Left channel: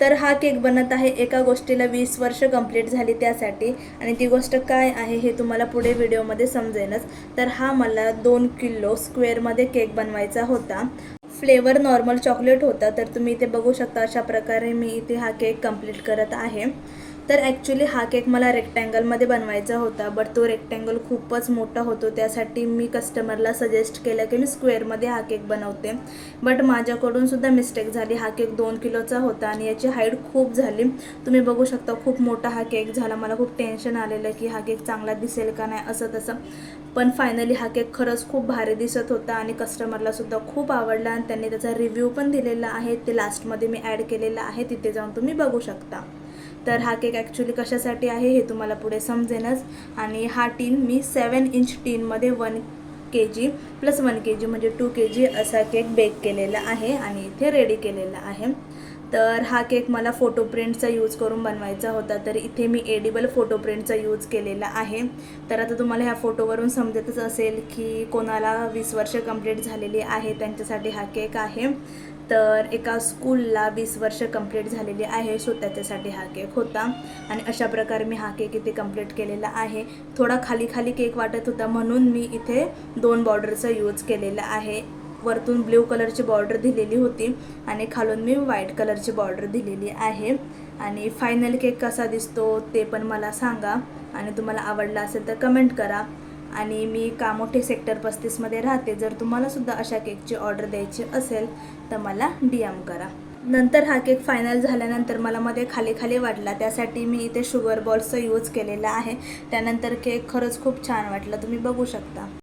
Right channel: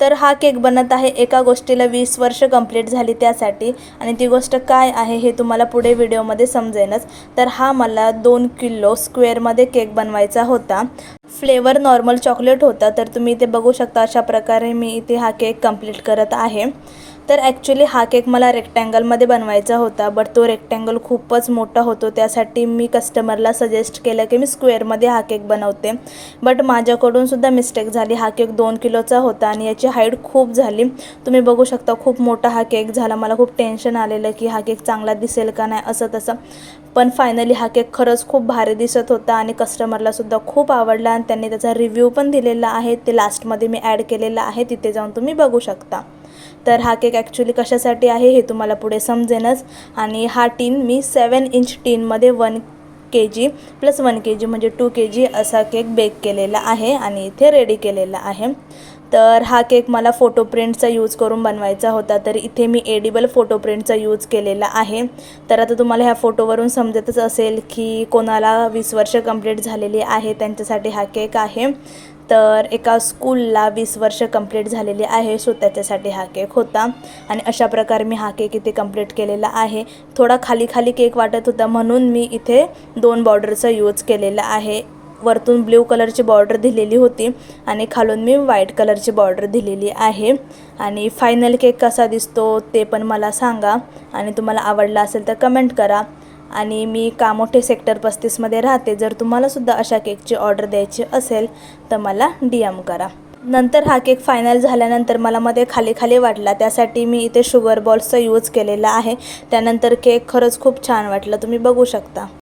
तर हा केक बनत आहे एका गोष्टीला 20 वर्ष कंप्लीट झाली त्यासाठी, आणि ती गोष्ट काय आहे हे तुम्हाला पुढे व्हिडिओमध्ये समजेलच। तर हा मला 2 किलो स्क्वेअरमध्ये केक बनवायचा होता। फ्लेवर नॉर्मल चॉकलेट होता। तर तुम्ही इथे बघू शकता अशा प्रकारे मी इथे हा केक कंप्लीट करत आहे। तर ॲक्च्युली हा केक मला रेक्टँगलमध्ये बनवायचा होता, बट तो रेक्टँगल खूपच मोठा होतो, त्यासाठी मी कस्टमरला सजेस्ट केलं की मी स्क्वेअरमध्ये हा केक बनवते। बट माझ्याकडून सुद्धा मिस्टेक झाली। हा केक 2 किलोचा होता आणि याची हाईट खूप झाली। तुम्ही बघू शकता खूप मोठा हा केक झाला। मला खूप टेन्शन आलेलं की हा केक चांगला दिसेल का नाही असं तसं, पण फायनली हा केक खरंच खूप भारी दिसत होता आणि कस्टमरला सुद्धा खूप आवडला आणि त्यांनी त्याचा रिव्ह्यू पण दिलेला आहे। ते लास्टमध्ये मी ॲड केलेला आहे, तिथे जाऊन तुम्ही बघू शकता। तर हा केक ॲक्च्युली कशासाठी आहे हे तुम्हाला पुढे समजेनच। आणि हा टीन मी 7 इंच टीनमध्ये 1 kg प्लस 1 kg म्हणजे 2 kg असा केक बेक केलेला आहे आणि इथे रेडी केलेला आहे। तर हा केक मला फोटो प्रिंटचा यूज करून बनवायचा होता, तर इथे मी एडिबल फोटो प्रिंटचा यूज केलेला आहे। तर आता तुम्हाला ह्या फोटोवरून समजतच असेल की कोणाला 20 वर्ष कंप्लीट झालेली आहे त्यांच्यासाठी हा केक आहे। तर एका स्कूलला 20 वर्ष कंप्लीट झालेली आहे, सो त्याच्यासाठी हा केक होता। आणि अशा प्रकारे मी हा केक इथे कंप्लीट केलेला आहे। थोडा खाली खाली केक वाटत होता म्हणून मी इथे 2 बॉर्डरचा यूज केलेला आहे। वरतून ब्ल्यू कलरची बॉर्डर दिलेली होती आणि खालून मी व्हाईट कलरची बॉर्डर दिलेली आहे। आणि फायनल केक कसा दिसतो ते पण मला सांगा, आणि तुम्हाला आवडला असेल तर कमेंट करा। आणि मी कामोठे सेक्टर 35मध्ये राहते। जर तुम्हालासुद्धा अशा केकची ऑर्डर द्यायची असेल तर मला DM करा। नंतर हा केक फायनल झाल्यानंतर मला मध्ये खाली खाली वाटला, त्यासाठी मी इथे शुगर बॉल्सचा यूज केलेला आहे। त्यानंतर केक खरंच खूप छान वाटलं, तुम्ही बघू शकता।